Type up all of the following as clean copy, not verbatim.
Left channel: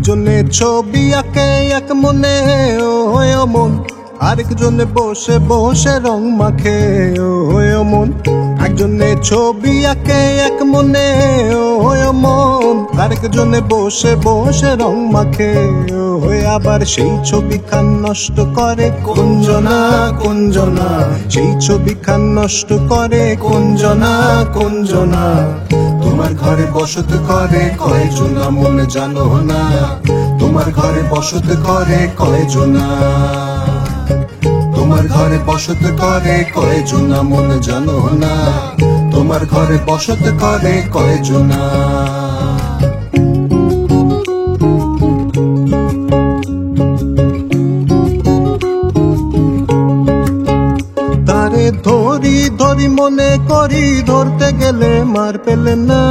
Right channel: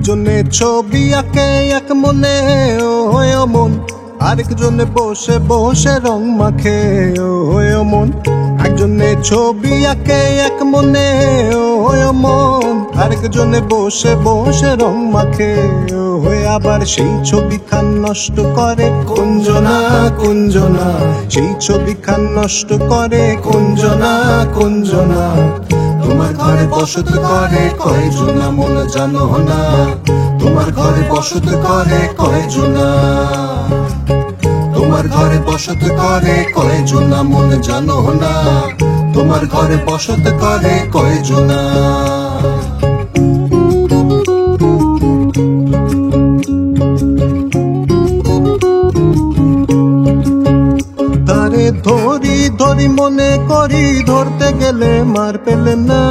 একজনে ছবি আঁকে এক মনে ও মন, আরেকজনে বসে বসে রং মাখে ও মন। একজনে ছবি আঁকে এক মনে ও মন, আরেকজনে বসে বসে রং মাখে হয়ে আবার সেই ছবি খান নষ্ট করে কুঞ্জনা কুঞ্জনা, সেই ছবি খান নষ্ট করে কুঞ্জনা কুঞ্জনা। তোমার ঘরে বসত করে কয়জনা মনে জানো না, তোমার ঘরে বসত করে কয়জনা, তোমার ঘরে বসত করে কয়জনা মনে জানো না, তোমার ঘরে বসত করে কয়জনা। তারে ধরি ধরি মনে করি, ধরতে গেলে মার পেলে না।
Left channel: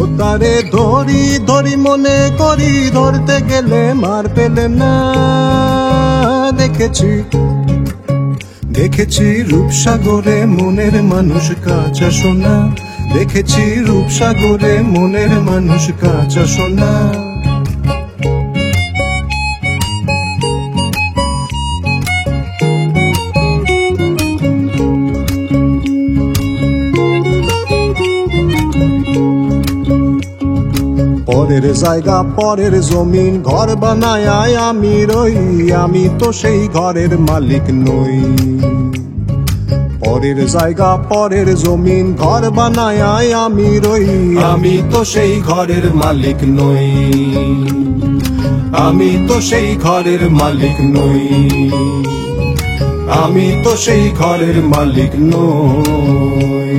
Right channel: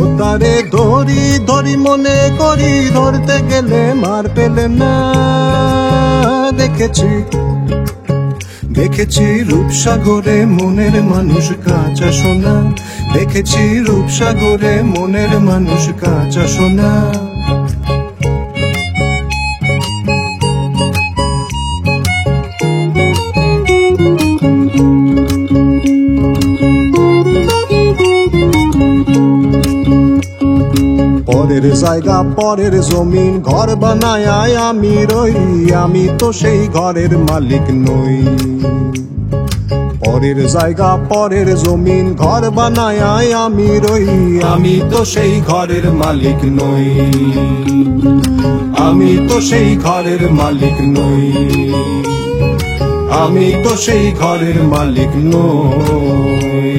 ও তারে ধরি ধরি মনে করি, ধরতে গেলে মার পেলে না। দেখেছি দেখেছি রূপসাগরে মনের মানুষ কাঁচা সোনা, দেখেছি রূপসাগরে মনের মানুষ কাঁচা সোনা। পরের জায়গা পরের জমিন ঘর বানায় আমি রই, আমি তো সেই ঘরের মালিক নই। পরের জায়গা পরের জমিন ঘর বানায় আমি রই, আমি তো সেই ঘরের মালিক নই, আমি তো সেই ঘরের মালিক নই, আমি তো সেই ঘরের মালিক নই।